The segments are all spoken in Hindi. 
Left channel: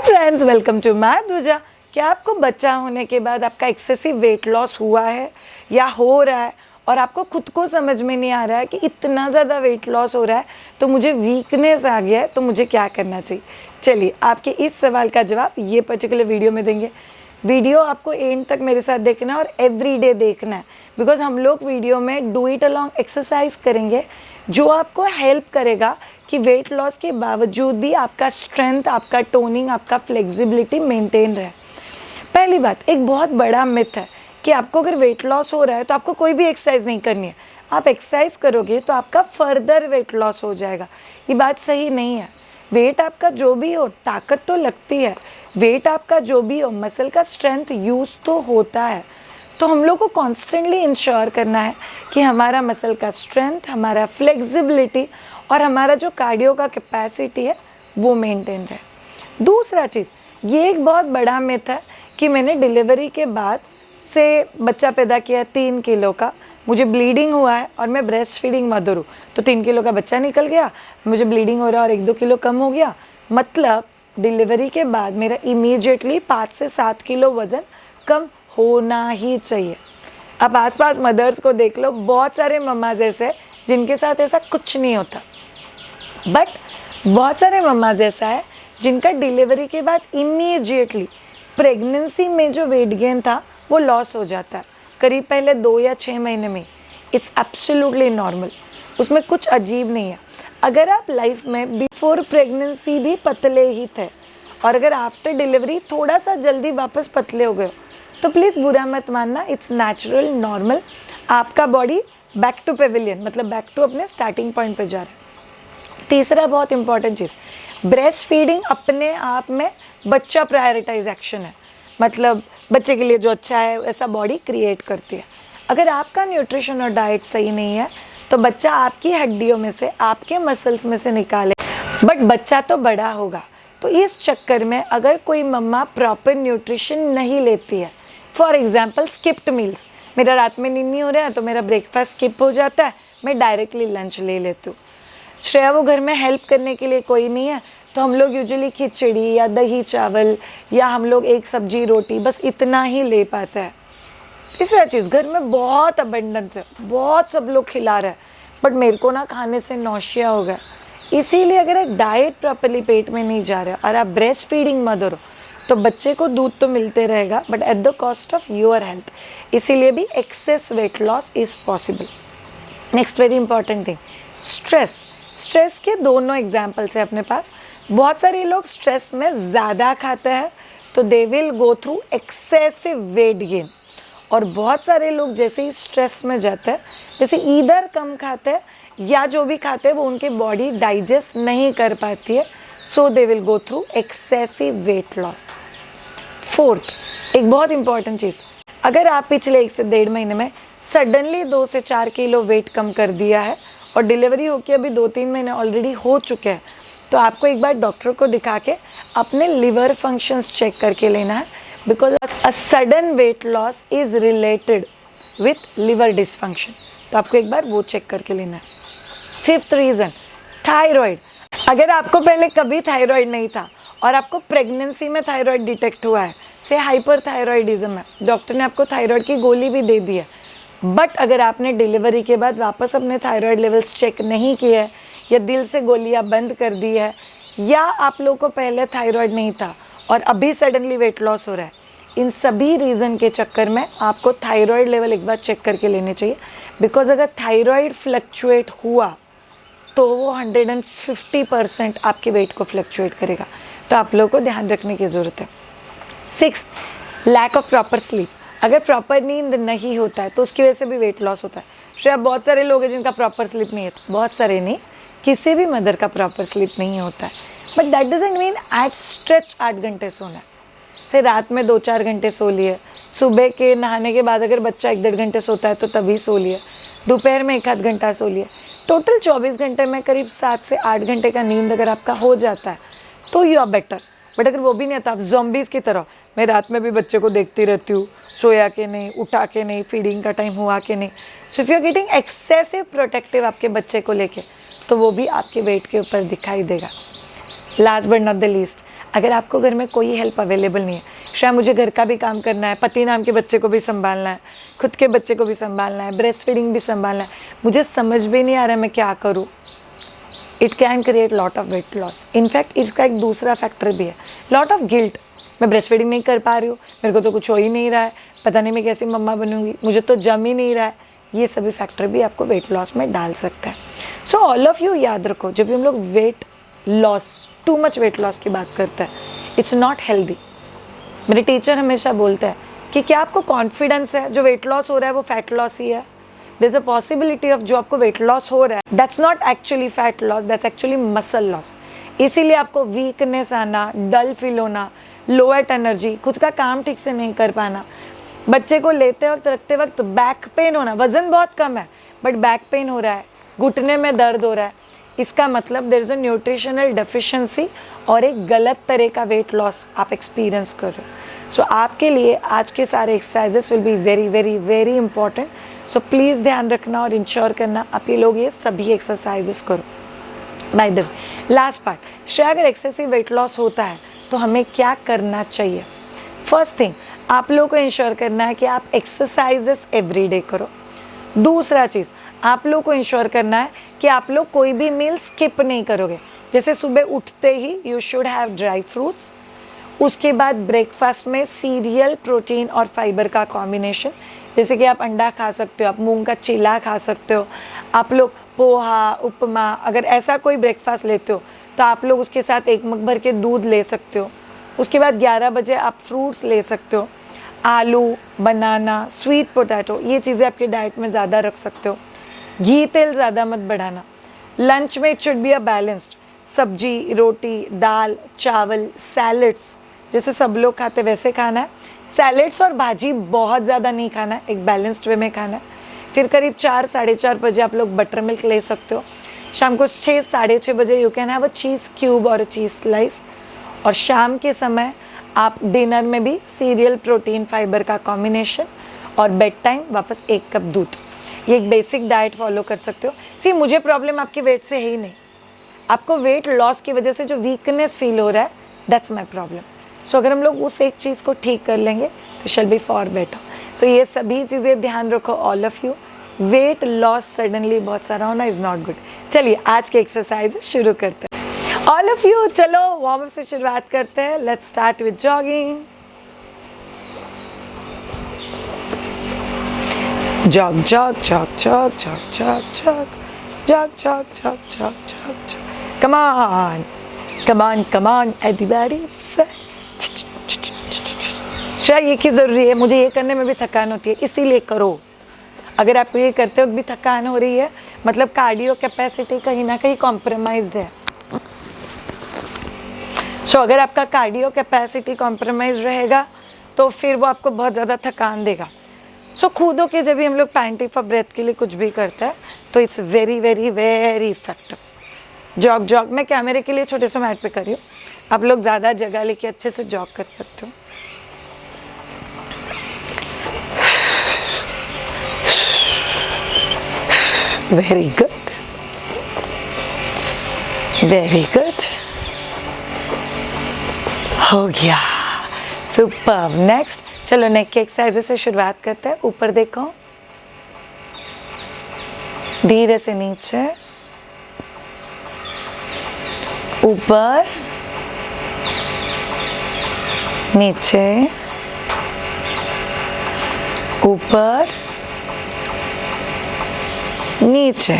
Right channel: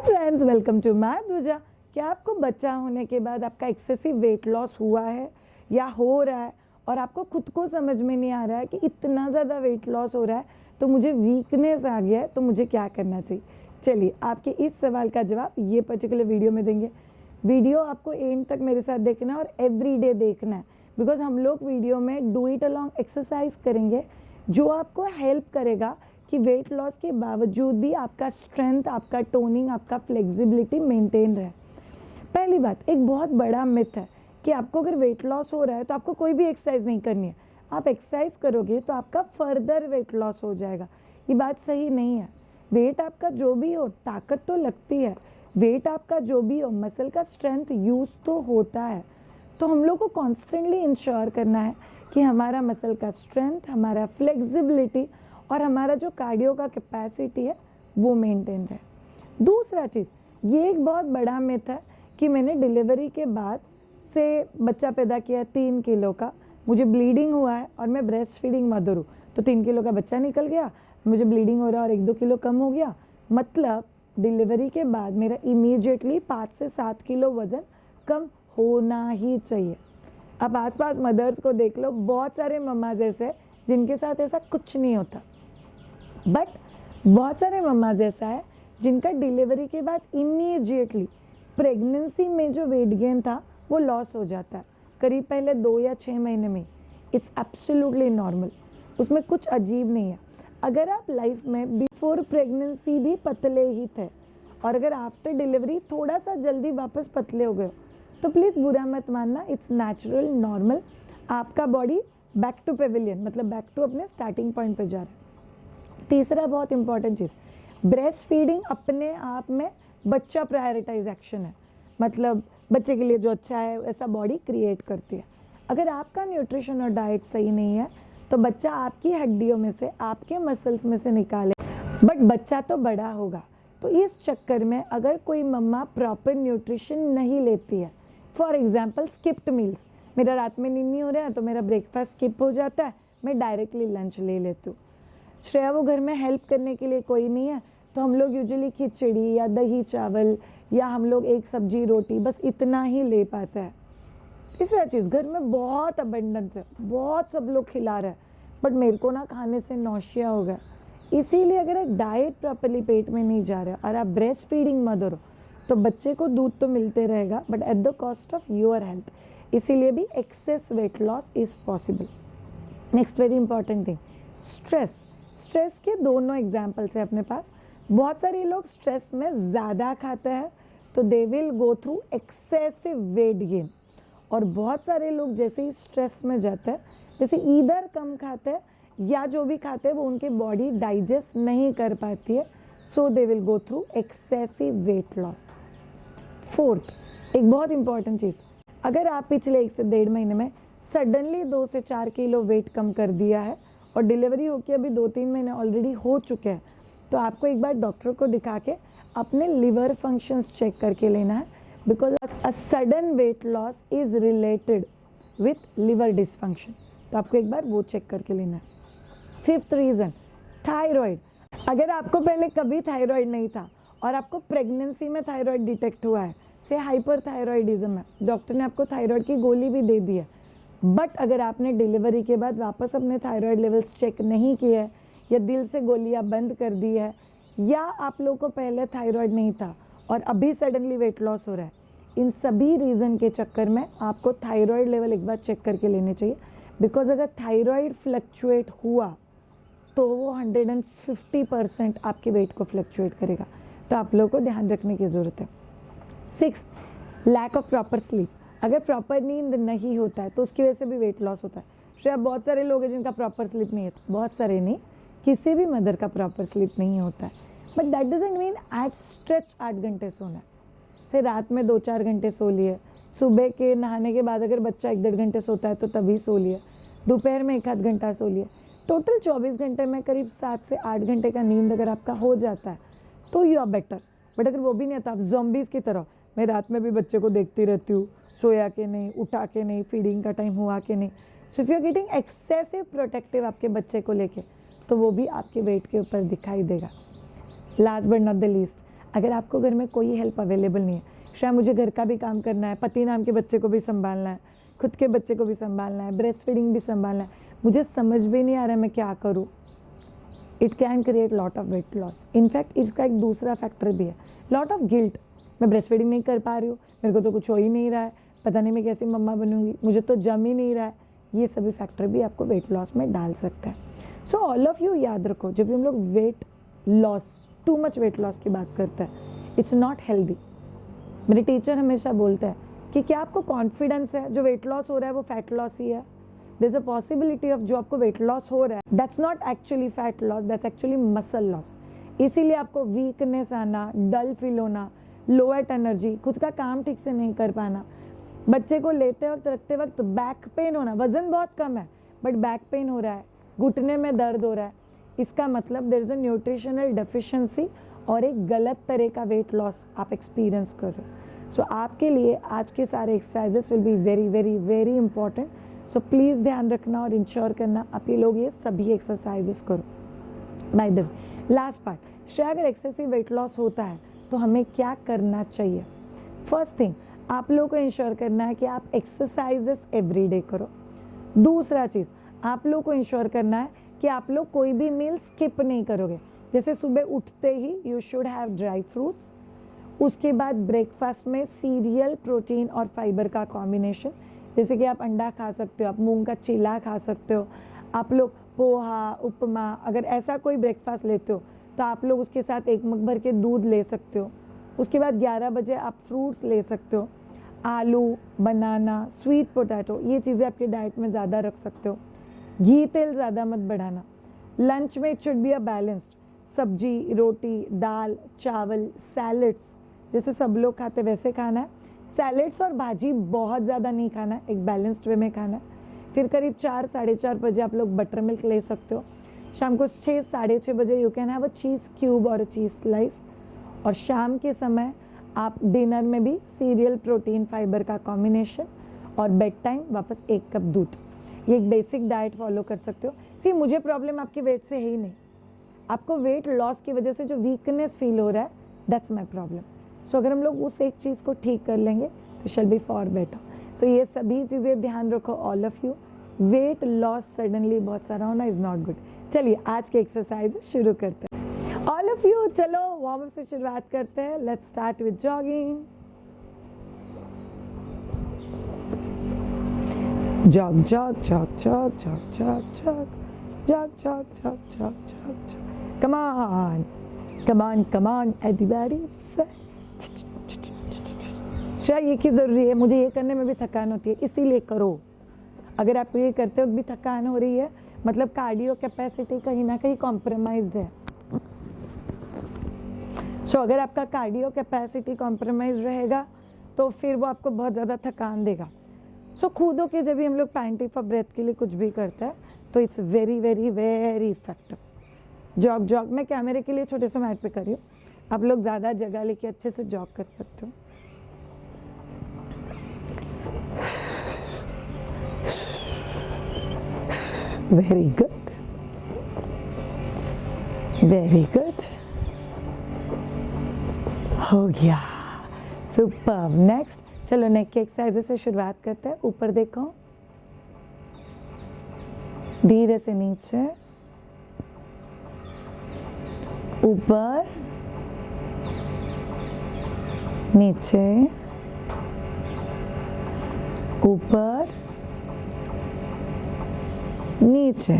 Friends, welcome to माधुजा। क्या आपको बच्चा होने के बाद आपका एक्सेसिव वेट लॉस हुआ है या हो रहा है और आपको खुद को समझ में नहीं आ रहा है कि इतना ज़्यादा वेट लॉस हो रहा है तो मुझे वीकनेस आ गया है, तो मुझे क्या करना चाहिए? चलिए आपके इस सवाल का जवाब ये पर्टिकुलर वीडियो में देंगे। वीडियो आपको एंड तक मेरे साथ देखना है और एवरीडे देखना है, बिकॉज हम लोग वीडियो में डू इट अलॉन्ग एक्सरसाइज करेंगे जो आपको हेल्प करेगा कि वेट लॉस के बावजूद भी आपका स्ट्रेंथ, आपका टोनिंग, आपका फ्लेक्सिबिलिटी मेंटेन रहे। पहली बात, एक बहुत बड़ा मिथ है कि आपको अगर वेट लॉस हो रहा है तो आपको कोई भी एक्सरसाइज नहीं करनी है। आप एक्सरसाइज करोगे तो आपका फर्दर वेट लॉस हो जाएगा। ये बात सही नहीं है। वेट आपका जो भी हो, ताकत तो लगती है। वेट आपका जो भी हो, मसल का स्ट्रेंथ यूज़ तो होता है। तो हम लोग को कॉन्स्टेंटली इंश्योर करना है कि हमारा मसल का स्ट्रेंथ, हमारा फ्लेक्सिबिलिटी और हमारा जो कार्डियो का कैपेसिटी है वो मेंटेन रहे। दूसरा चीज़, ये एक बहुत बड़ा मिथ है कि मैंने डिलीवरी के बाद से बच्चा पैदा किया 3 किलो का, मुझे ब्लीडिंग हुआ है और मैं ब्रेस्ट फीडिंग मदर हूँ, तो 3 किलो का बच्चा निकल गया, मुझे ब्लीडिंग हो रहा है और 1-2 किलो कम हो गया। मतलब डिलीवरी के बाद मेरा इमीडिएटली 5 से 7 किलो वज़न कम होना ही चाहिए। अब आसपास मदर्स को देख लो, बहुत सारे मम्माज ऐसे जिनके साथ ऐसा कुछ नहीं होता, बट बहुत सारे मम्माज ऐसा है जिनका डिलीवरी के बाद इमीडिएटली प्रेगनेंसी में जो वेट गेन था वो लॉस हो जाता है, करीब पहले 2 या 6 महीने में। इट्स एब्सोल्युटली नॉर्मल, उसमें कुछ अजीब नहीं है। अगर आप लाइफ में बिफोर प्रेगनेंसी भी पतले ही थे और अगर आफ्टर डिलीवरी थोड़ा सा जल्दी वापस पतले हो गए तो प्लीज़ बुरा मत मानना, इट्स नेचुरल, नॉर्मल। आपका बॉडी बैक टू पेविलियन, मतलब बैक टू अपने स्टार्टिंग पॉइंट पे जा रहा है। तीसरा बहुत इंपॉर्टेंट चीज़, ब्रेस्ट फीडिंग अपने आप में बच्चा प्रायोरिटाइज एक्शन है। मतलब बच्चे के लिए जो अच्छा है वैसा बॉडी क्रिएट करती है। अगर आपका न्यूट्रिशन और डाइट सही नहीं है तो बच्चा आपकी हड्डियों में से, आपके मसल्स में से निकाले, बट बच्चा तो बड़ा होगा। तो इस चक्कर में अगर कोई मम्मा प्रॉपर न्यूट्रिशन नहीं लेती है, फॉर एग्जाम्पल स्किप्ड मील्स, मेरा रात में नींद नहीं हो रहा है तो मेरा ब्रेकफास्ट स्किप हो जाता है, मैं डायरेक्टली लंच ले लेती हूँ। श्रेया वो घर में हेल्प करने के लिए कोई नहीं है तो हम लोग यूजुअली खिचड़ी या दही चावल या हम लोग एक सब्जी रोटी, बस इतना ही ले पाते हैं। तीसरा चीज़, घर में बहुत अबंडेंस है, बहुत सब लोग खिला रहे हैं, बट मेरे को ना खाने से नौशिया हो गया। इसीलिए अगर एक डाइट प्रॉपरली पेट में नहीं जा रहा है और आप ब्रेस्ट फीडिंग मदर हो तो बच्चे को दूध तो मिलते रहेगा but at the cost of your health. इसीलिए भी access weight loss is possible. Next very important thing, stress. Stress के दोनों एग्जाम्पल्स हैं अपने पास। बहुत सारे लोग स्ट्रेस में ज़्यादा खाते हैं तो दे will go through excessive weight gain, और बहुत सारे लोग जैसे ही स्ट्रेस में जाते हैं, जैसे ईदर कम खाते हैं या जो भी खाते हैं वो उनकी बॉडी डाइजेस्ट नहीं कर पाती है, so they will go through excessive weight loss. Fourth, एक बहुत इंपॉर्टेंट चीज़, अगर आप पिछले 1 से 1.5 महीने में सडनली 2 से 4 किलो वेट कम कर दिया है और डिलीवरी होकर अभी 2-3 महीने ऑलरेडी हो चुके हैं, तो आपको एक बार डॉक्टर को दिखा के अपने लिवर फंक्शंस चेक करके लेना है, because a sudden weight loss is related with liver dysfunction. तो आपको एक बार वो चेक करके लेना है। Fifth reason, thyroid. अगर आपको पहले कभी थायराइड नहीं था और आपको प्रेगनेंसी में थायराइड डिटेक्ट हुआ है, से हाइपरथायराइडिज्म है, डॉक्टर ने आपको थायराइड की गोली भी दे दी है, बट अगर आपने डिलीवरी के बाद वापस अपने थायराइड लेवल्स चेक नहीं किए हैं या दिल से गोलियां बंद कर दी है, या आप लोगों को पहले थायराइड नहीं था और अभी सडनली वेट लॉस हो रहा है, इन सभी रीज़न के चक्कर में आपको थायराइड लेवल एक बार चेक करके लेने चाहिए। बिकॉज अगर थायराइड फ्लक्चुएट हुआ तो वो 150% आपके वेट को फ्लक्चुएट करेगा, तो आप लोगों को ध्यान रखने की ज़रूरत है। 6, लैक ऑफ प्रॉपर स्लीप। अगर प्रॉपर नींद नहीं होता है तो उसकी वजह से भी वेट लॉस होता है। शायद बहुत सारे लोग हैं जिनका प्रॉपर स्लीप नहीं है, बहुत सारे नहीं, किसी भी मदर का प्रॉपर स्लीप नहीं होता है, but that doesn't mean at stretch 8 घंटे सोना है। से रात में 2-4 घंटे सो लिए, सुबह के नहाने के बाद अगर बच्चा 1-1.5 घंटे सोता है तो तभी सो लिए, दोपहर में 1-आध घंटा सो लिए, टोटल 24 घंटे में करीब 7 से 8 घंटे का नींद अगर आपका हो जाता है तो यू आर बेटर। बट अगर वो भी नहीं आता, आप ज़ॉम्बीज़ की तरह, मैं रात में भी बच्चे को देखती रहती हूँ, सोया के नहीं, उठा के नहीं, फीडिंग का टाइम हुआ के नहीं, so if you are getting excessive protective आपके बच्चे को लेके, तो वो भी आपके वेट के ऊपर दिखाई देगा। Last but not the least, अगर आपको घर में कोई हेल्प अवेलेबल नहीं है, शायद मुझे घर का भी काम करना है, पति नाम के बच्चे को भी संभालना है, खुद के बच्चे को भी संभालना है, ब्रेस्ट फीडिंग भी संभालना है, मुझे समझ भी नहीं आ रहा है मैं क्या करूँ, it can create lot of weight loss. In fact इसका एक दूसरा फैक्टर भी है, लॉट ऑफ गिल्ट. मैं ब्रेस्ट फीडिंग नहीं कर पा रही हूँ, मेरे को तो कुछ हो ही नहीं रहा है, पता नहीं मैं कैसी मम्मा बनूंगी, मुझे तो जम ही नहीं रहा है. ये सभी फैक्टर भी आपको वेट लॉस में डाल सकता है. सो ऑल ऑफ यू याद रखो, जब भी हम लोग weight loss, too much weight loss की बात करते हैं, इट्स नॉट हेल्दी. मेरे टीचर हमेशा बोलते हैं कि क्या आपको कॉन्फिडेंस है जो वेट लॉस हो रहा है वो फैट लॉस ही है. There is a possibility of जो आपको वेट लॉस हो रहा है, that's not actually fat loss, that's actually muscle loss. इसीलिए आपको वीकनेस आना, डल फील होना, लो एट एनर्जी, खुद का काम ठीक से नहीं कर पाना, बच्चे को लेते वक्त रखते वक्त बैक पेन होना, वजन बहुत कम है बट बैक पेन हो रहा है, घुटने में दर्द हो रहा है, इसका मतलब there is a nutritional deficiency और एक गलत तरह का वेट लॉस आप एक्सपीरियंस कर रहे हो. सो आपके लिए आज के सारे exercises will be very very very important. So please ध्यान रखना और इंश्योर करना आप ये लोग ये सभी एक्सरसाइजेस करो. By the way, last part, शायद अगर एक्सेसिव वेट लॉस होता है तो हमें क्या करना चाहिए. फर्स्ट थिंग, आप लोगों को इंश्योर करना है कि आप एक्सरसाइजेस एवरीडे करो. दूसरा चीज़, आप लोगों को इंश्योर करना है कि आप लोग कोई भी मील स्किप नहीं करोगे. जैसे सुबह उठते ही you should have dry fruits, उसके बाद ब्रेकफास्ट में सीरियल, प्रोटीन और फाइबर का कॉम्बिनेशन, जैसे कि आप अंडा खा सकते हो, आप मूंग का चीला खा सकते हो, आप लोग पोहा, उपमा, अगर ऐसा कोई ब्रेकफास्ट लेते हो तो आप लोग उसके साथ 1 मग भर के दूध ले सकते हो. उसके बाद 11 बजे आप फ्रूट्स ले सकते हो, आलू, बनाना, स्वीट पोटैटो, ये चीज़ें आपके डाइट में ज़्यादा रख सकते हो. घी तेल ज़्यादा मत बढ़ाना. लंच में it should be a balanced, सब्जी, रोटी, दाल, चावल, सैलड्स, जैसे सब लोग खाते वैसे खाना है. सैलड्स और भाजी बहुत ज़्यादा नहीं खाना है, एक बैलेंस्ड वे में खाना है. फिर करीब 4, 4:30 बजे आप लोग बटर मिल्क ले सकते हो. शाम को 6, 6:30 बजे you can have a cheese cube और अ चीज़ स्लाइस. और शाम के समय आप डिनर में भी सीरियल, प्रोटीन, फाइबर का कॉम्बिनेशन, और बेड टाइम वापस 1 कप दूध. ये एक बेसिक डाइट फॉलो कर सकते हो. सी, मुझे प्रॉब्लम आपके वेट से है ही नहीं, आपको वेट लॉस की वजह से जो वीकनेस फील हो रहा है, दैट्स माई प्रॉब्लम. सो अगर हम लोग उस एक चीज़ को ठीक कर लेंगे तो शैल बी फॉर बेटर. सो ये सभी चीज़ें ध्यान रखो all of you. Weight loss suddenly बहुत सारा होना इज़ नॉट गुड. चलिए आज के एक्सरसाइज शुरू करते हैं. ऑल ऑफ यू, चलो वार्म अप से शुरुआत करते हैं. Let's start with jogging. Jog jog jog jog jog jog jog jog jog jog jog jog jog. Come on, come on, come on, everybody. शायद ये की ज़रूरी है, मुझे ये करने में भी थकान होती है, इसीलिए करो. अगर आपको ये करते वक्त भी थकान हो रही है, मतलब कार्डियो कैपेसिटी कहीं ना कहीं कॉम्प्रोमाइज्ड है. सो अगर आपका कार्डियो कैपेसिटी कॉम्प्रोमाइज रहेगा तो फिर वो आपको बहुत ज़्यादा थकान देगा. सो खुद के जब भी हम लोग पैंटी फॉर ब्रेथ के लिए कुछ भी करते हैं तो it's very very very effective. Jog jog मैं कैमरे के लिए छोटे से मैट पे कर रही हूँ, आप लोग ज़्यादा जगह लेके अच्छे से जॉग कर सकते हो. वेरी गुड, वेरी गुड, हो गया, सुपर. नेक्स्ट, चलो नेक के एक्सरसाइज से शुरुआत करते हैं. ऊपर देखो, धीरे से नीचे, ऊपर, नीचे, ऊपर, नीचे.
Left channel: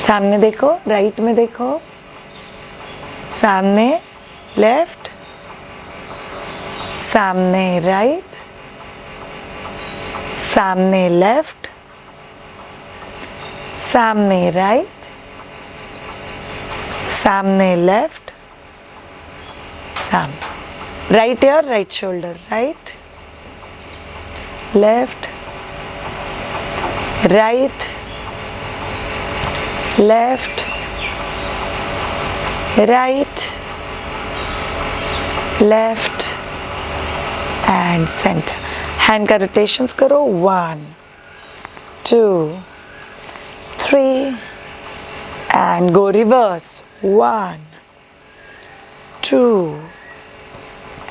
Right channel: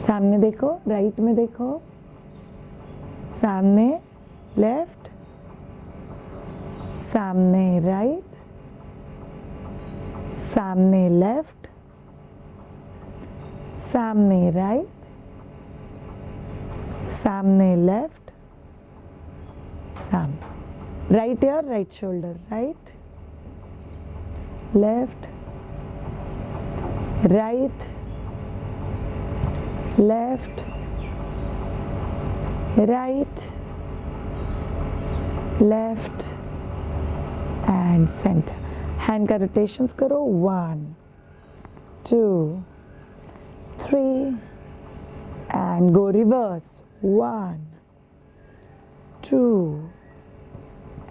सामने देखो, राइट में देखो, सामने लेफ्ट, सामने राइट, सामने लेफ्ट, सामने राइट, सामने लेफ्ट, सामने right year, right shoulder, right left, right left, right left and centre. Hand का रोटेशंस करो. 1 2 3 and go reverse. 1 2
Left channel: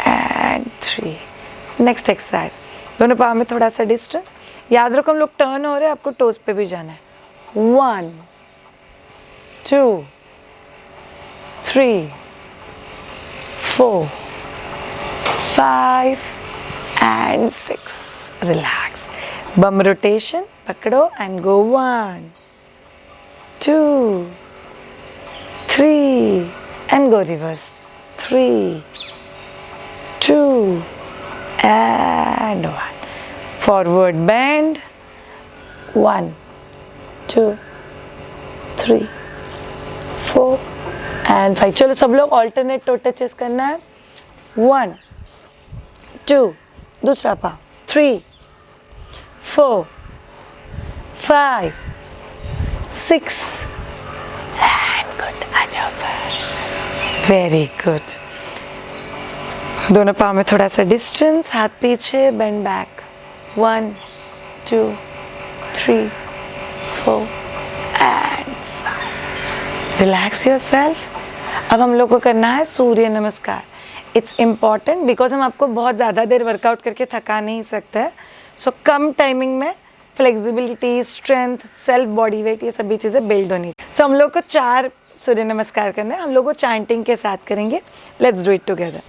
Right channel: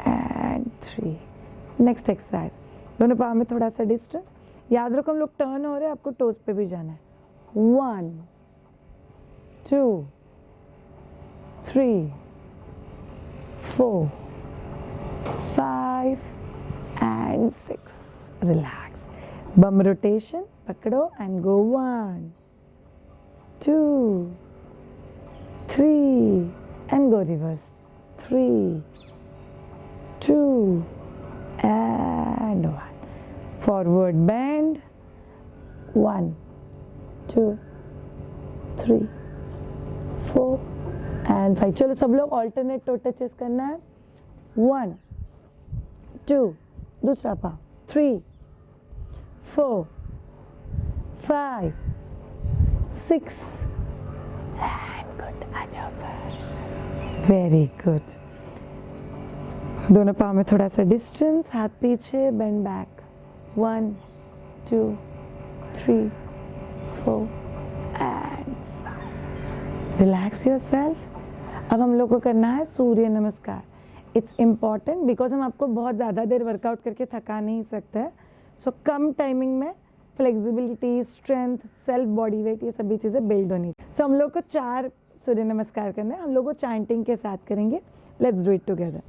and 3. Next exercise, दोनों पाँव में थोड़ा सा डिस्टेंस. याद रखो हम लोग टर्न हो रहे हैं, आपको टोज पे भी जाना है. 1 2 3 4 5 and 6. Relax. Bum rotation, पकड़ो and go. 1 2 3 and go reverse. 3 2 and 1. Forward bend. 1 2 3 4 and 5. चलो सब लोग alternate toe touches करना है. 1 2 दूसरा पाँव. 3 4 5 6 and good. आ जाओ पर. Very good. दोनों पाँव में थोड़ा सा डिस्टेंस, हाथ पीछे, bend back. 1 2 3 4 and 5. Relax yourself. अब हम लोग को करना है सूर्य नमस्कार. इट्स इम्पॉर्टेंट बिकॉज हम आपको बहुत ज़्यादा देर वर्कआउट करके थका नहीं सकते हैं. सो कम टाइमिंग में flexibility, strength, self body weight, ये सभी चीज़ें बिल्ड होनी. सो हम लोग को 4 सूर्य नमस्कार करना है. हम लोग को चैंटिंग के साथ करेंगे. Let's do it together.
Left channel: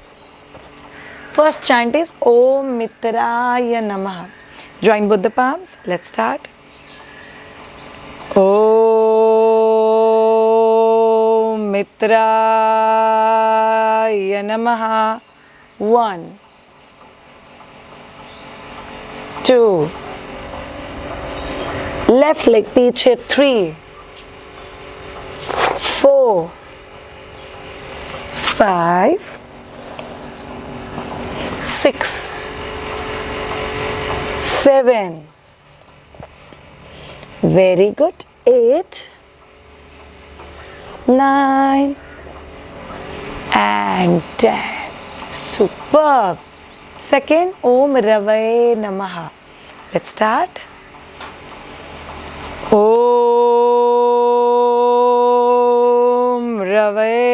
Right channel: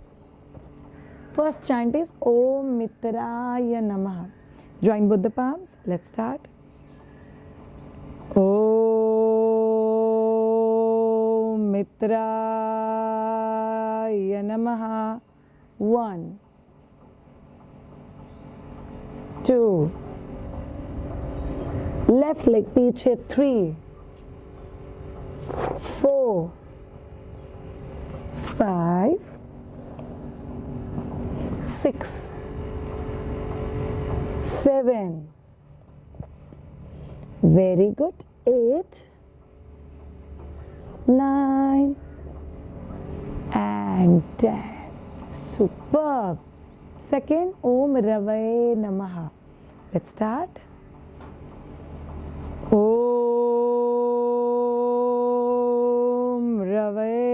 First chant is ओम मित्राय नमः. Join both the palms. Let's start. ओम मित्राय नमः. 1 2 लेफ्ट लेग पीछे. 3 4 5 6 7. Very good. 8 9 and 10. Superb. Second, Om Ravaye Namaha. Let's start. Om Ravaye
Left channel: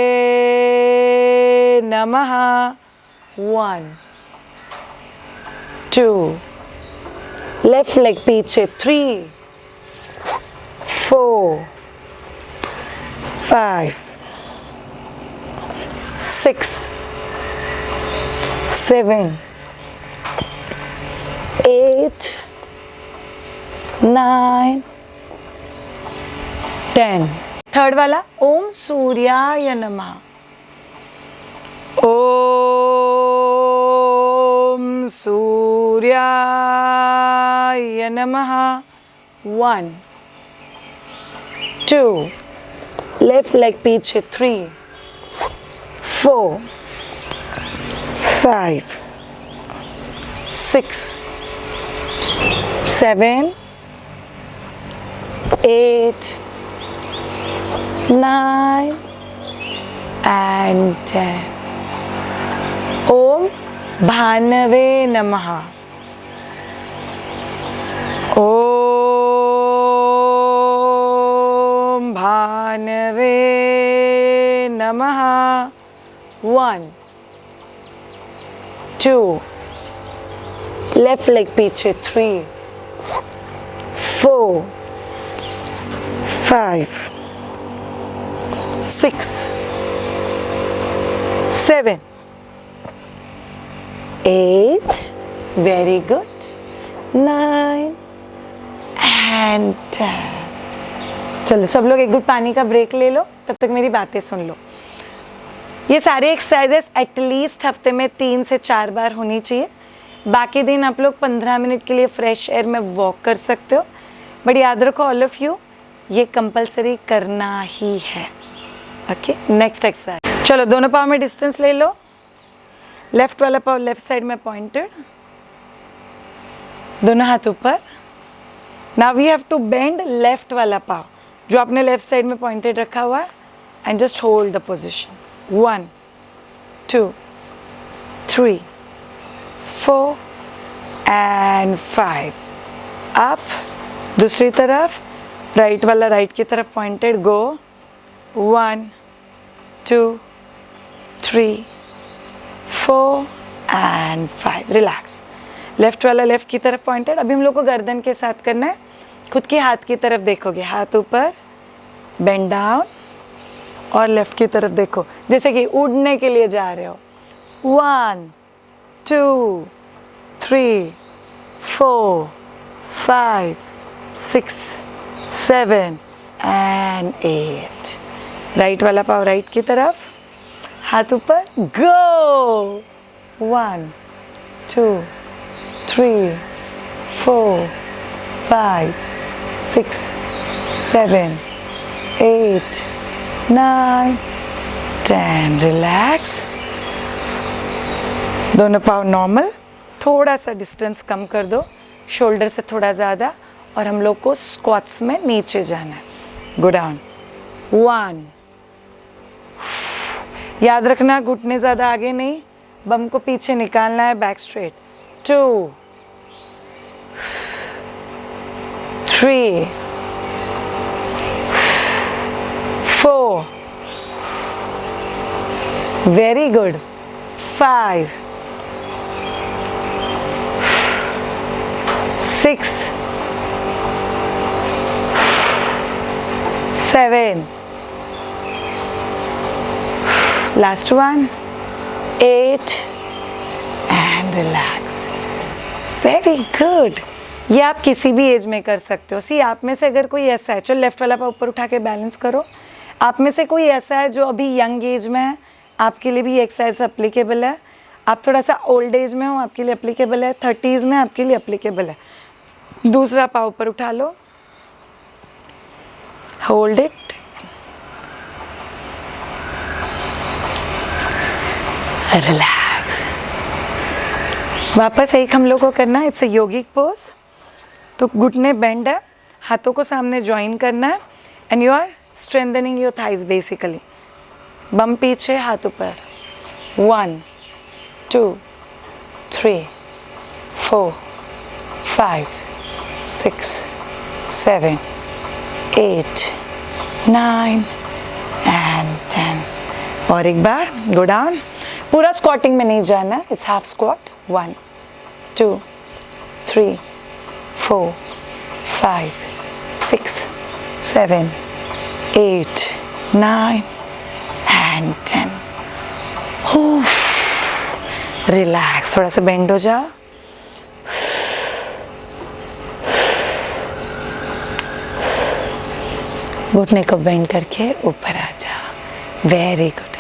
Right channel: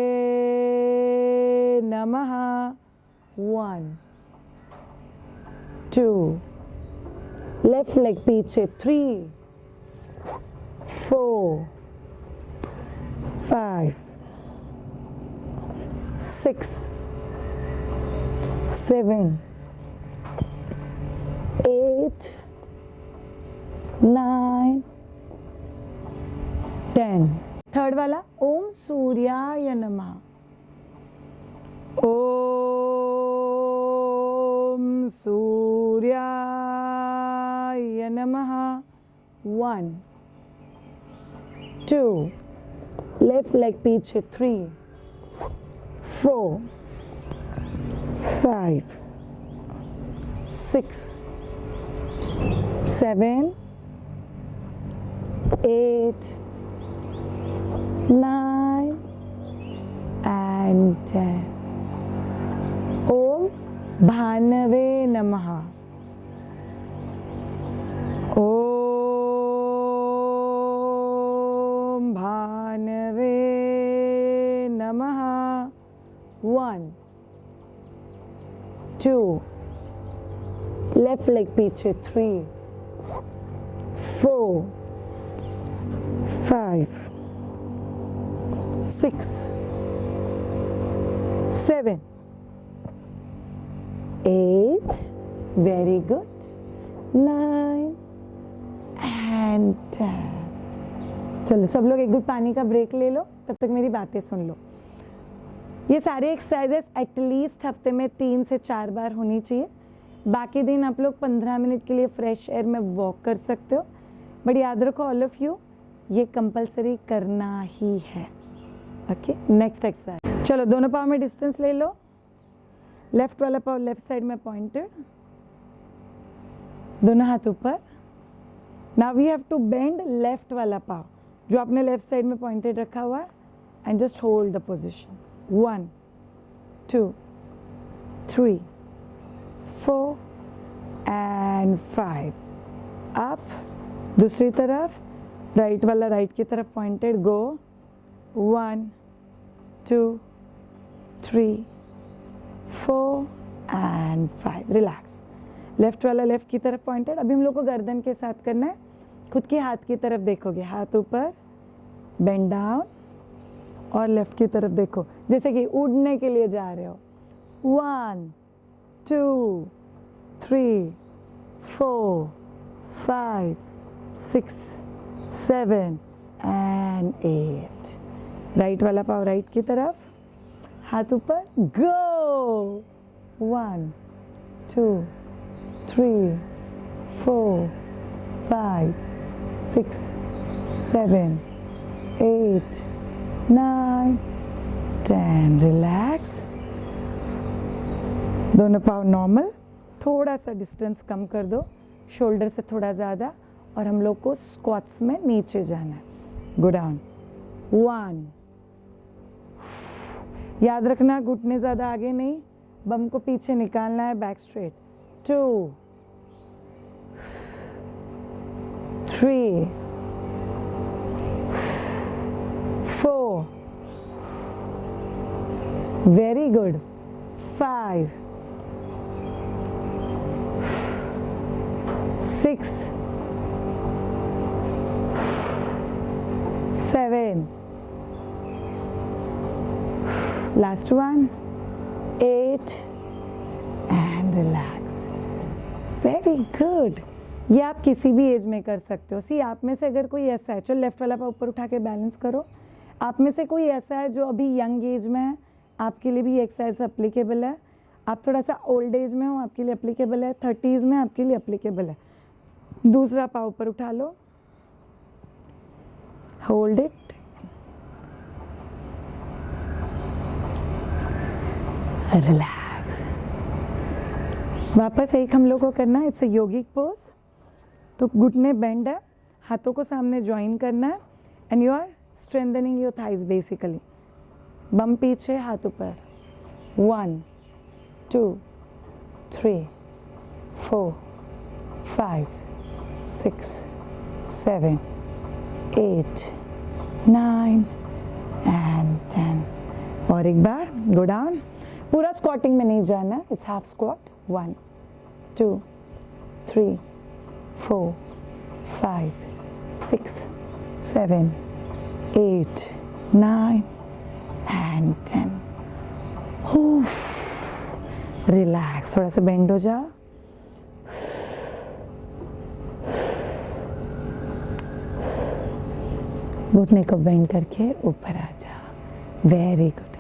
Namaha. 1 2 left leg पीछे. 3 4 5 6 7 8 9 10. थर्ड वाला ओम सूर्याय नमः. ओम सूर्याय नमः. 1 2 लेफ्ट लेग पीछे. 3 4 5 6 7 8 9 and 10. ओम भानवे नमः. ओम भानवे नमः. 1 2 लेफ्ट लेग पीछे. 3 4 5 6 7 8. Very good. 9 and 10. चलो सब लोग एक घुट पानी का ब्रेक ले लो, तब तक मेरी बातें सुन लो. ये सारे एक्सरसाइजेस एटलीस्ट हफ्ते में 3 से 4 बार होनी चाहिए. बाकी दिन आप लोग 15 मिनट के लिए फ्रेश एयर में वॉक कर सकते हो. बट याद रखो ऑल ऑफ यू, ये कंपलसरी करना ही है. Okay, next exercise. चलो दोनों पाँव में डिस्टेंस ले लो. लेफ्ट वाला पाँव लेफ्ट साइड में पॉइंटेड, दोनों हाथ ऊपर. Now we have to bend left वाला पाँव जो आपने लेफ्ट साइड में पॉइंटेड रखा हुआ है and just hold the position. 1 2 3 4 and 5. Up. दूसरी तरफ राइट वाला राइट की तरफ pointed. Go. 1 2 3, 4 and 5. Relax. Left वाला लेफ्ट की तरफ पॉइंटेड. अभी हम लोग को गर्दन के साथ करना है. खुद के हाथ की तरफ देखोगे, हाथ ऊपर, बेंड डाउन और लेफ्ट की तरफ देखो जैसे कि उड़ने के लिए जा रहे हो. 1, 2, 3, 4, 5, 6, 7 एंड 8. राइट वाला पाव राइट की तरफ, हाथ ऊपर, गो. 1, 2, 3, 4, 5, 6, 7, 8, 9, 10. रिलैक्स. दोनों पाव नॉर्मल. थोड़ा सा डिस्टेंस कम कर दो, शोल्डर से थोड़ा ज़्यादा, और हम लोग को स्क्वाट्स में नीचे जाना है. Go down. 1. याद रखना घुटने ज़्यादा आगे नहीं, बम को पीछे निकालना है, back straight. 2, 3, 4. Very good. 5, 6, 7. Last one. 8 and relax. Very good. ये आप किसी भी एज में कर सकते हो. सी आप में से अगर कोई ऐसा है, चलो लेफ्ट वाला पाव ऊपर उठा के बैलेंस करो. आप में से कोई ऐसा है जो अभी यंग एज में है, आपके लिए भी एक्सरसाइज अप्लीकेबल है. आप थोड़ा सा ओल्ड एज में हो, आपके लिए अप्लीकेबल है. 30s में आपके लिए अप्लीकेबल है. दूसरा पाव ऊपर उठा लो, होल्ड इट, रिलैक्स. वापस एक हम लोग को करना है. It's a yogic pose. तो घुटने बेंड है, हाथों को सामने ज्वाइन करना है and you are strengthening your thighs basically. Bum पीछे, हाथ ऊपर. 1, 2, 3, 4, 5, 6, 7, 8, 9 एंड 10. और एक बार गो डाउन. पूरा स्क्वाटिंग में नहीं जाना, it's half squat. 1, 2, 3, 4, 5, 6, 7, 8, 9 and 10. Relax. थोड़ा सा बेंड हो जाओ. घुटने को बेंड करके ऊपर आ जाओ. Very good.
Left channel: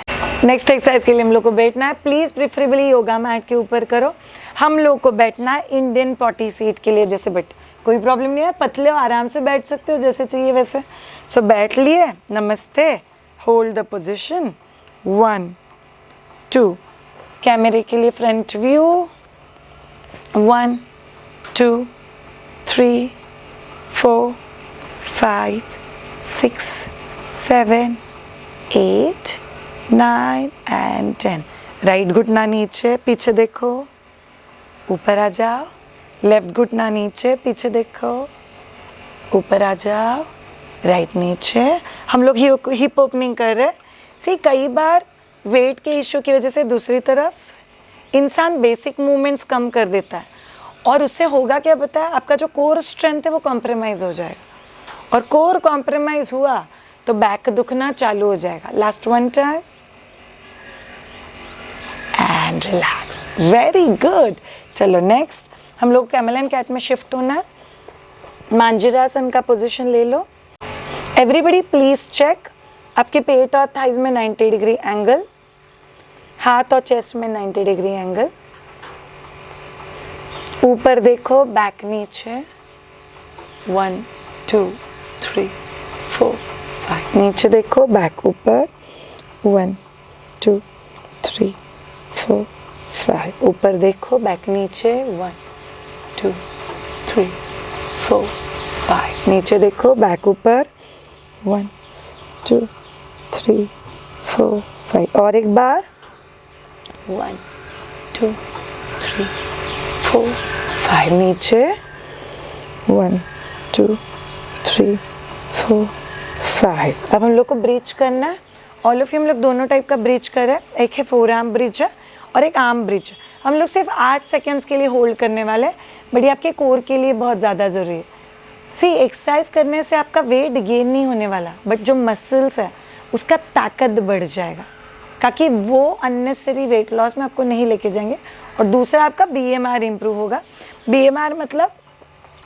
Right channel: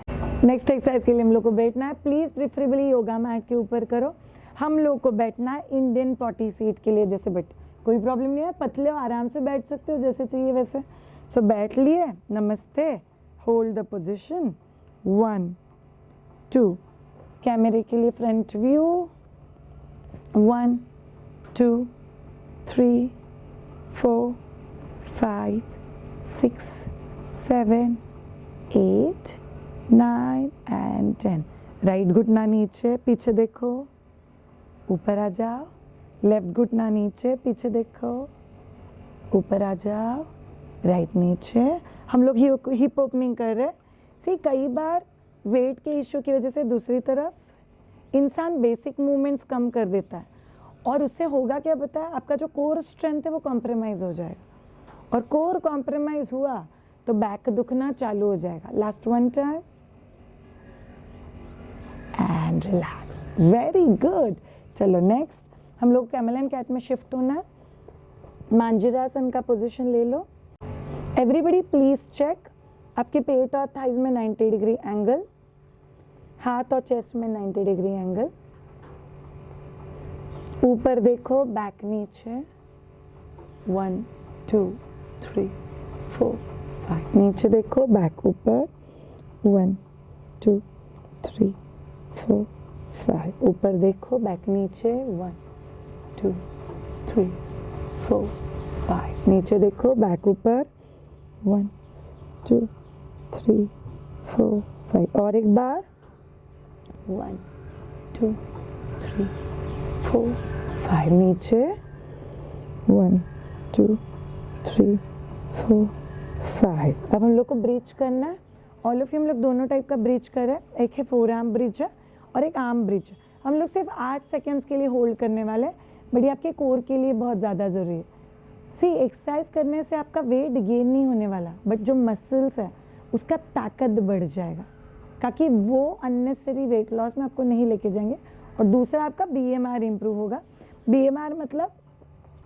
नेक्स्ट एक्सरसाइज के लिए हम लोग को बैठना है. प्लीज़ प्रिफरेबली योगा मैट के ऊपर करो. हम लोग को बैठना है इंडियन पॉटी सीट के लिए. जैसे बैठ, कोई प्रॉब्लम नहीं है, पतले हो, आराम से बैठ सकते हो जैसे चाहिए वैसे. सो बैठ लिए. नमस्ते. Hold the position. 1, 2. कैमरे के लिए फ्रंट व्यू. 1, 2, 3, 4, 5, 6, 7, 8, 9 एंड 10. राइट घुटना नीचे, पीछे देखो, ऊपर आ जाओ. लेफ्ट घुटना नीचे, पीछे देखो, ऊपर आ जाओ. राइट नीचे. हम लोग हिप ओपनिंग कर रहे हैं. सी कई बार वेट के इश्यू की वजह से दूसरी तरफ इंसान बेसिक मूवमेंट्स कम कर देता है और उससे होगा क्या पता है, आपका जो कोर स्ट्रेंथ है वो कॉम्प्रोमाइज़ हो जाएगा. और कोर कॉम्प्रोमाइज़ हुआ तो बैक दुखना चालू हो जाएगा. Last one time and relax. Very good. चलो नेक्स्ट हम लोग कैमल एंड कैट में शिफ्ट होना है. मांजरासन का पोजीशन ले लो. एवरीबडी प्लीज चेक आपके पेट और थाइज में 90 डिग्री एंगल, हाथ और चेस्ट में 90 डिग्री एंगल. ऊपर देखो, बैक नीचे. 1, 2, 3, 4, 5. नीचे देखो, बैक ऊपर. 1, 2, 3, 4, 5. ऊपर देखो, बैक नीचे. 1, 2, 3, 4, 5. नीचे देखो, बैक ऊपर. 1, 2, 3, 4, 5. और एक बार. 1, 2, 3, 4, 5. नीचे. 1, 2, 3, 4, 5. अब हम लोग को ब्रीच करना है ऑल ऑफ यू हम लोग दोनों टाइप का ब्रिज कर रहे हैं, एक है फोर आर्म ब्रिज है और एक आर्म ब्रिज है। हम लोग सिर्फ 8 सेकेंड्स के लिए होल्ड करने वाले हैं, बट ये आपके कोर के लिए बहुत ज़्यादा ज़रूरी है। सी एक्सरसाइज करने से आपका वेट गेन नहीं होने वाला, बट जो मसल्स है उसका ताकत बढ़ जाएगा, ताकि वो अननेसेसरी वेट लॉस में आपको नहीं लेके जाएंगे। और दूसरा आपका BMR इम्प्रूव होगा। BMR मतलब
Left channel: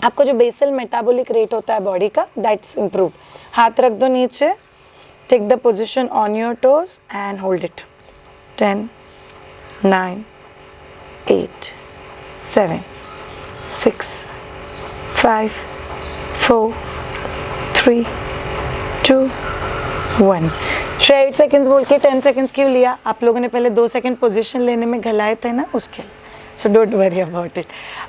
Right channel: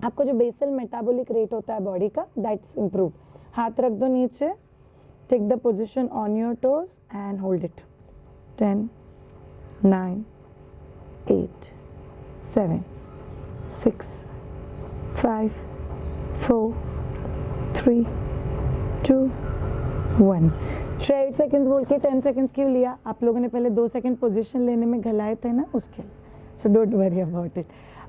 आपको जो बेसल मेटाबॉलिक रेट होता है बॉडी का, दैट्स इम्प्रूव। हाथ रख दो नीचे, take the position on your toes and hold it. 10, 9, 8, 7, 6, 5, 4, 3, 2, 1। 8 seconds बोल के 10 सेकेंड्स क्यों लिया? आप लोगों ने पहले 2 सेकेंड पोजीशन लेने में घलाए थे ना, उसके लिए। So don't worry about it.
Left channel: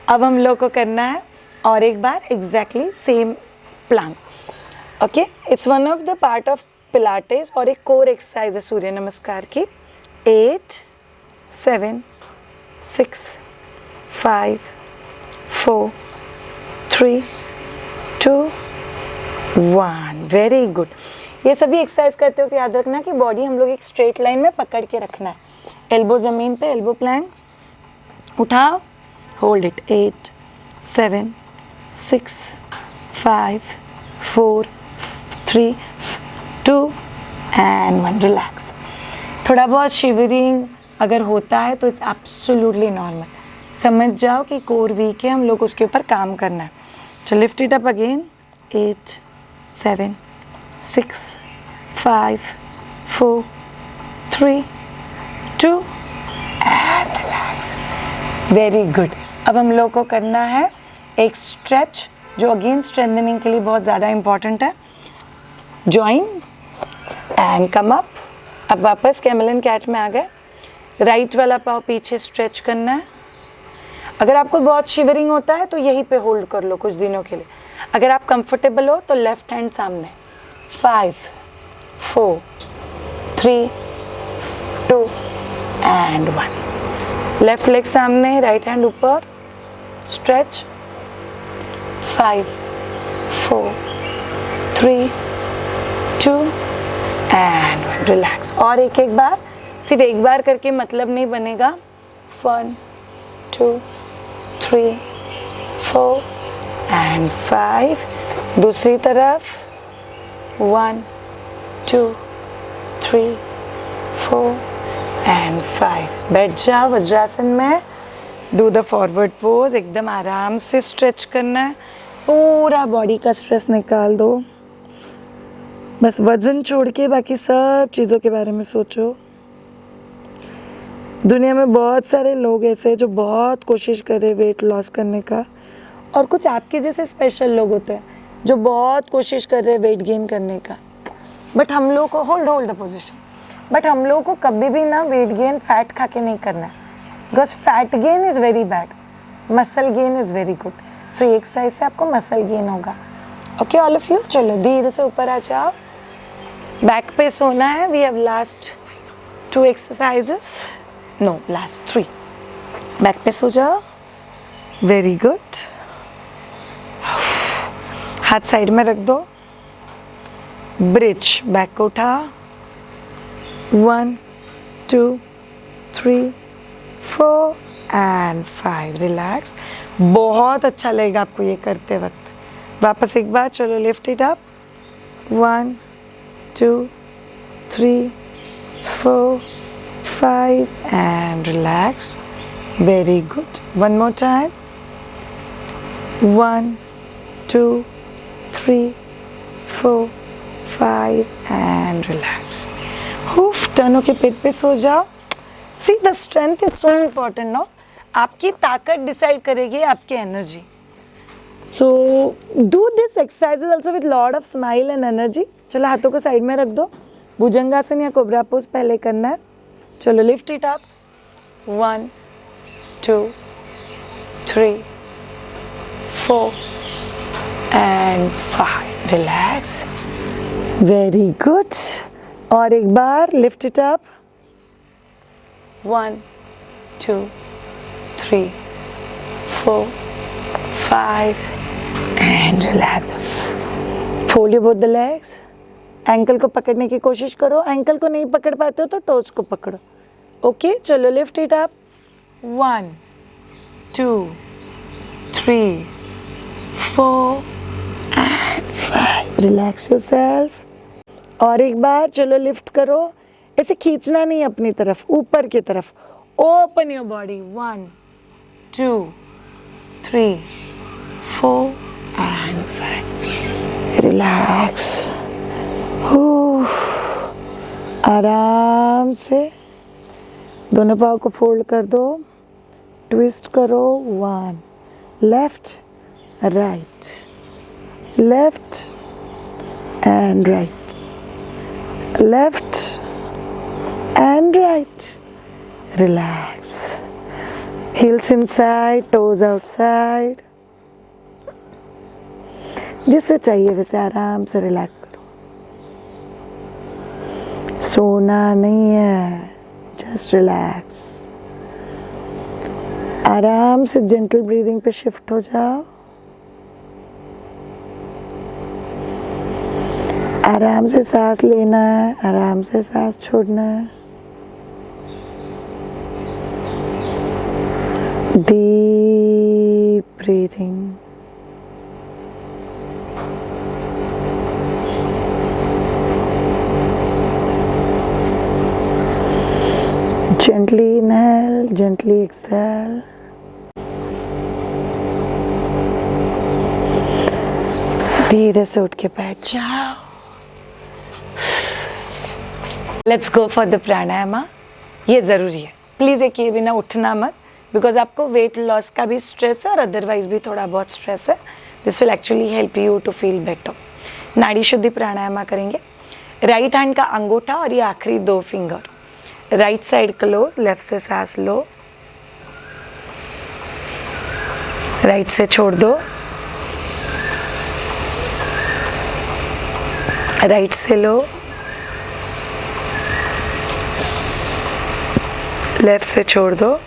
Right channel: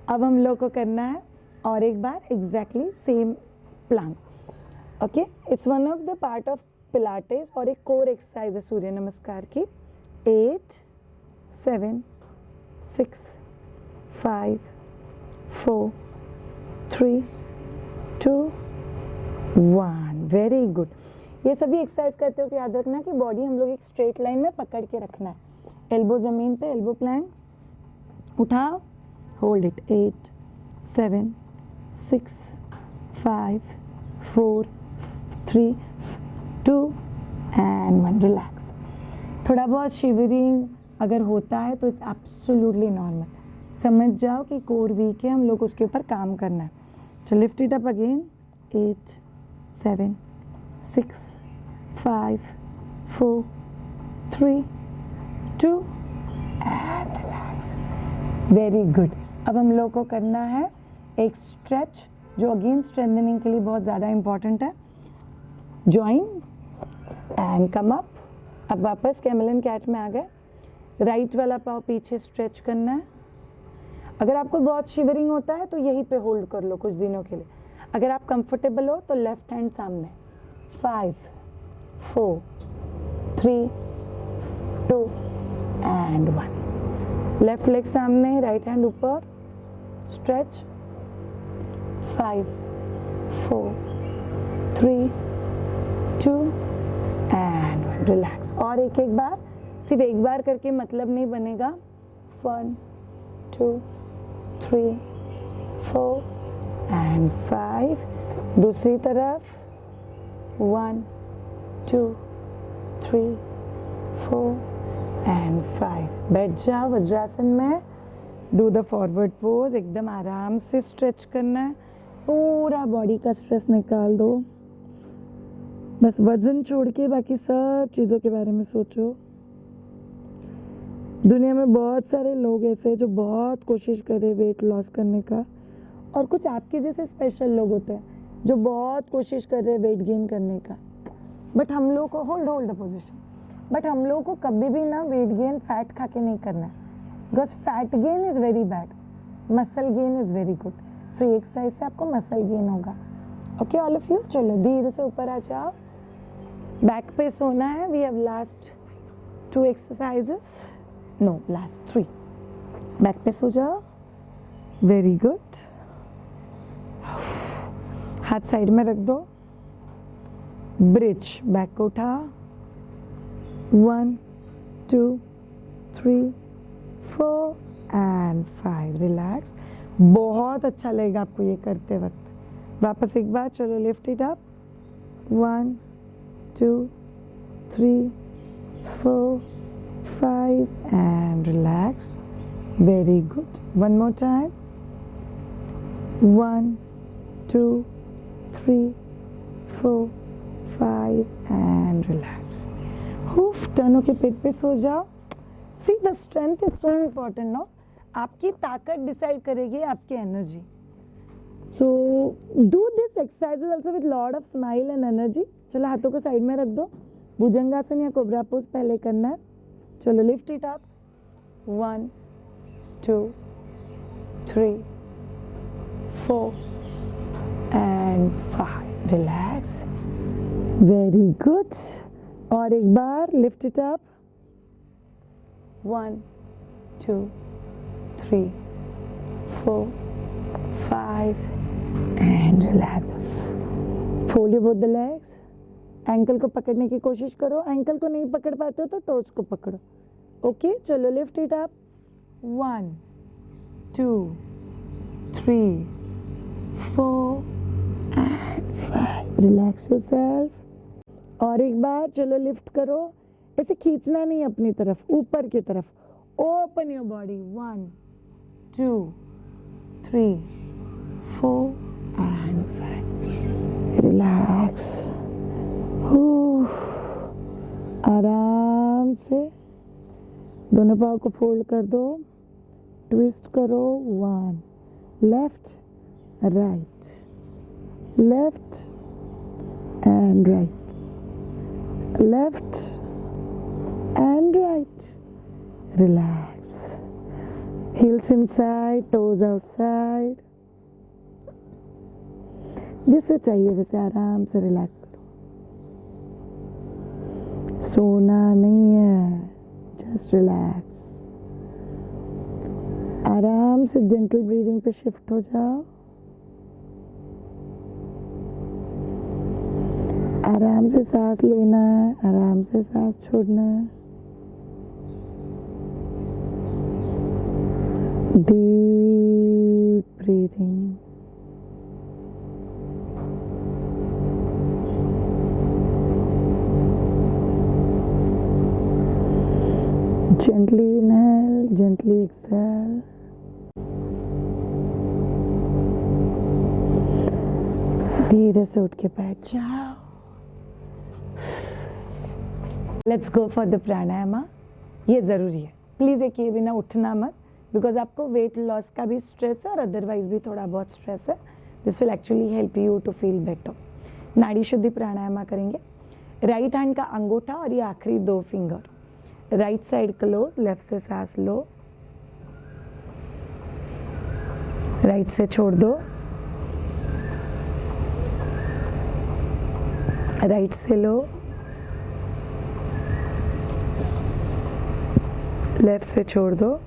अब हम लोग को करना है और एक बार exactly same plan. Okay, it's one of the part of Pilates और एक कोर एक्सरसाइज है सूर्य नमस्कार की। 8, 7, 6, 5, 4, 3, 2, 1। Very good. ये सभी एक्सरसाइज करते वक्त याद रखना कि बॉडी हम लोग एक स्ट्रेट लाइन में पकड़ के रखना है। एल्बो ज़मीन पे, एल्बो प्लैंक, उठाओ, होल्ड इट। 8, 7, 6, 5, 4, 3, 2 एंड 1। रिलैक्स। थोड़ा बहुत शिवरिंग अगर होता है तो इट्स एब्सोल्युटली नॉर्मल। समझ जाओ कि कोर वीक है, हम लोग उसके ऊपर काम करना है। तो lift it up again. 8, 7, 6, 5, 4, 3, 2 and relax. Very good. अब हम लोग को करना है एक स्ट्रेच जो अगेन स्ट्रेंथनिंग के लिए बहुत ज़्यादा इंपॉर्टेंट है। Join and come up. अब वापस कैमल एंड कैट में आ गए। राइट वाला पाँव पीछे स्ट्रेच करना है। अगर आपको बहुत शिवरिंग होता है तो यहीं पे होल्ड कर लो कुछ दिनों के लिए। अगर आप कंफर्टेबल हो तो लेफ्ट हैंड सामने। 5, 4, 3, 2 एंड 1। लेफ्ट लेग सामने, राइट हैंड ऊपर, स्ट्रेच। 5, 4, 3, 2 एंड 1। रिलैक्स। और एक एक बार, सिर्फ एक बार करके मतलब नहीं बनेगा। 1, 2, 3, 4 एंड 5। दूसरी तरफ। 1, 2, 3, 4 एंड 5। बैठ जाओ वज्रासन में। Do the forward pose. एकदम आराम से स्ट्रेच करना है, पूरा बॉडी का स्ट्रेस निकाल दो। बस वजन छोड़ के बाकी सब चीज़ों के बारे में सोचो। दुनिया में बहुत सारे लोग ऐसे हैं जो बहुत कोशिश कर रहे वेट लॉस करने का, और कुछ आपके जैसे स्पेशल लोग होते हैं जो बहुत कोशिश कर रहे हैं वेट गेन करने का। बट हम लोग को होल्ड द पोजीशन। बट हम लोग को कभी भी ना वेट गेन फैट खा के नहीं करना है, because fat gain is very bad, muscle gain is very good. So ये एक्सरसाइज से आपको मसल गेन होगा। ओके ऑल ऑफ यू, चलो धीरे से ऊपर आ जाओ। बैक पे सोना है। We have last 2 exercises, no last 3। Back पे सो जाओ। Very good. हाथ साइड में रख दो। ब्रिज, बैक को उठा। 1, 2, 3, 4 एंड 5। रिलैक्स। बहुत अच्छा लगेगा आपको ये करते वक्त। वापस एक बार, चलो lift it up. 1, 2, 3, 4, 5 and relax. Very good. One more time. 1, 2, 3, 4, 5 and relax. Turn होके पेट पे सो जाओ। See, the strength is so important, no? आपकी ताकत डिसाइड करेगी आपकी energy. So do this exercises also with lot of smile and energy. चलो हाथों को साइड में रख दो। भुजंगासन या कोबरा पोज पहले करना है। चलो lift it up. 1, 2, 3, 4 and 5. Relax. Very good. और एक बार lift it up. 1, 2, 3, 4, 5 and relax. Fold your both the legs. Ankle को पकड़ने की कोशिश करो, एंकल को नहीं पकड़ पाते हो तो टोज को पकड़ो। ओके, चलो lift it up. 1 2 3 4 and 5। Relax yourself. और एक बार चलो लिफ्ट करो, ऐसे खींचना नहीं अपनी तरफ, ऊपर की तरफ। Open your body. 1 2 3 4 and 5। Relax. आराम से दोनों पाँव को फोल्ड कर दो, ट्विस्ट करो। 1 left right, left and right, left and right. Relax. Heels inside, toes outside. जिसे चाहिए वैसे आराम से रिलैक्स करो। सोना नहीं है, जस्ट रिलैक्स। आराम से जेंटल ब्रीदिंग पे शिफ्ट हो जाओ। आराम से सांस लेना है, आराम से सांस छोड़ना है। Deep breathing. Gently inhale, gently exhale. धीरे से उठ के बैठ जाओ। लेट्स गो फॉर द प्राणायामा। ये ज़रूरी है, प्लीज़ ये किए बिना उठना मत, बिकॉज आपको वेट लॉस का भी स्ट्रेस है और अदरवाइज भी थोड़ा बहुत स्ट्रेस है। This will actually help you to feel better. नाड़ी शुद्धि प्राणायामा करेंगे। राइट हैंड का अंगूठा और ये आखिरी 2 finger, right side close, left से सांस लो, राइट से छोड़ दो, राइट से लो, लेफ्ट से छोड़ दो,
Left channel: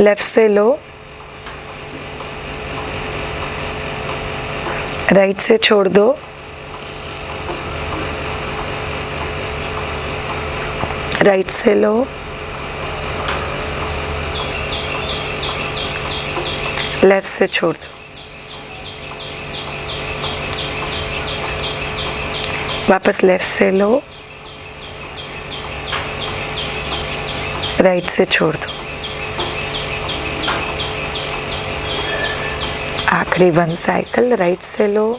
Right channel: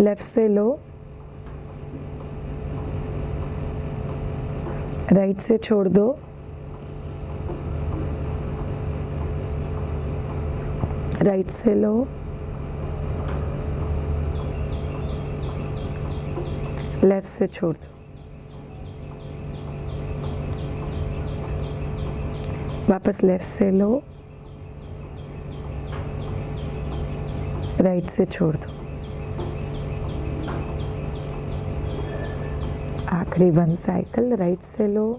लेफ्ट से लो, राइट से छोड़ दो, राइट से लो, लेफ्ट से छोड़ दो। वापस लेफ्ट से लो, राइट से छोड़ दो। आखिरी 1 साइकिल, राइट से लो,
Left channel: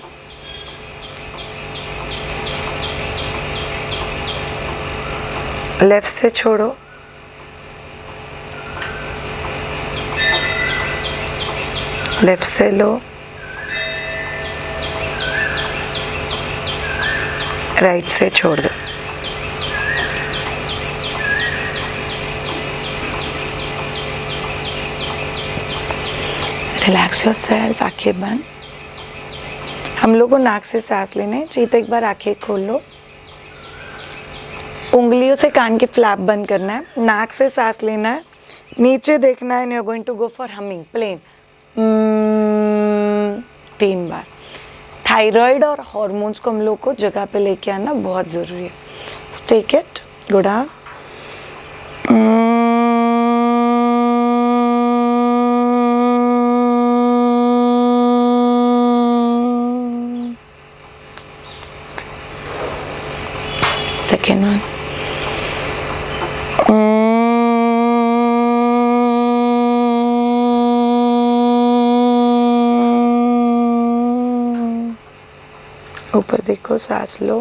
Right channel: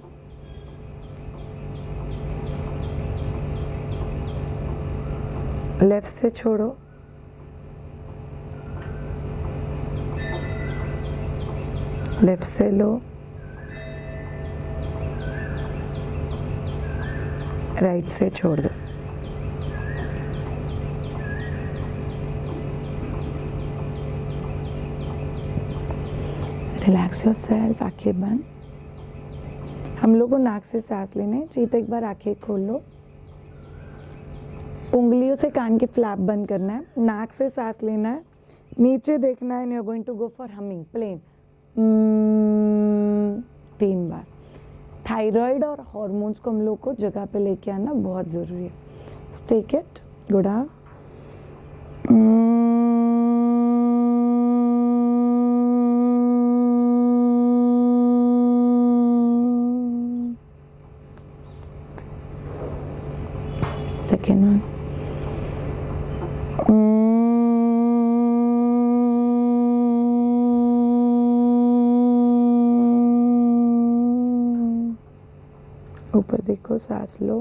लेफ्ट से छोड़ो, लेफ्ट से लो, राइट से छोड़ दो। Relax yourself. आंखें बंद। हम लोग को नाक से सांस लेने चाहिए, तो एक बार आंखें खोल लो। उंगलियों से कान के फ्लैप बंद करना है, नाक से सांस लेना है, नीचे देखना है, and you are going to go for humming plain 3 बार। थायराइड और हॉर्मोन्स को हम लोग को जगह पे लेके आना बहुत ज़रूरी है। Take it, good. Second one. ऊपर देखो, सांस लो।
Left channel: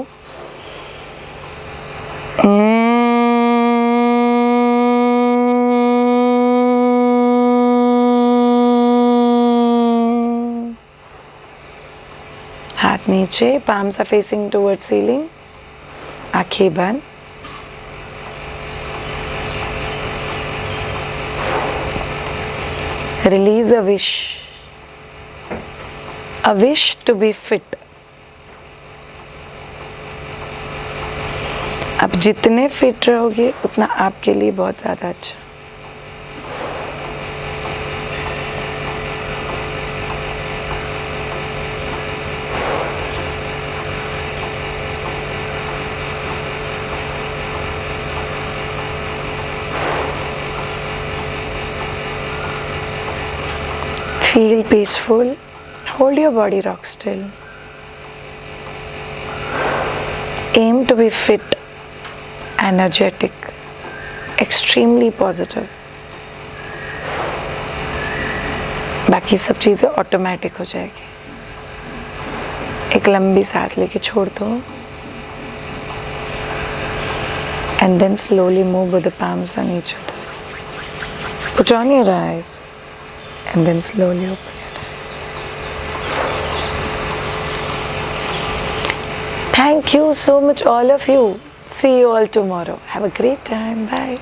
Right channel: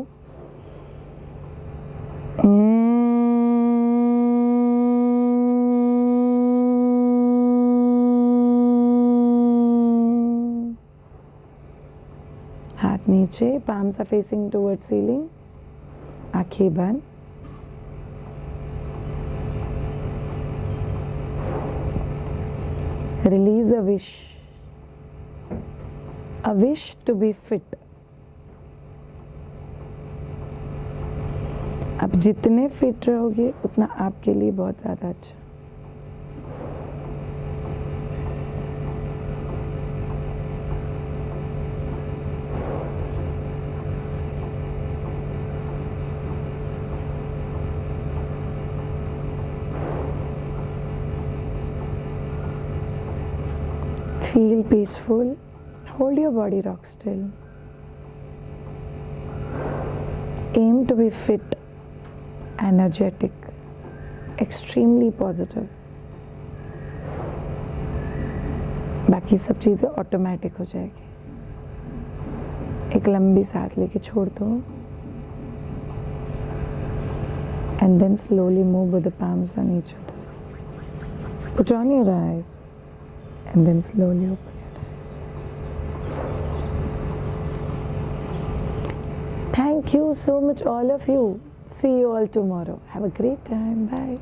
हाथ नीचे, palms are facing towards ceiling. आंखें बंद। Release a wish. A wish to be fit. आप जितने फिट रहोगे उतना आपके लिए बहुत ज़्यादा अच्छा। Feel peaceful. Hold your body rock still. Aim to be fit, energetic, extremely positive. बाकी सब चीज़ें ऑटोमेटिक हो जाएगी. एक लंबी सांस लेके छोड़ दो. And then slowly move with the palms on each other. Put on your eyes and then slowly open your eyes. Thank you so much, all of you. See you all tomorrow. Have a great time. Bye.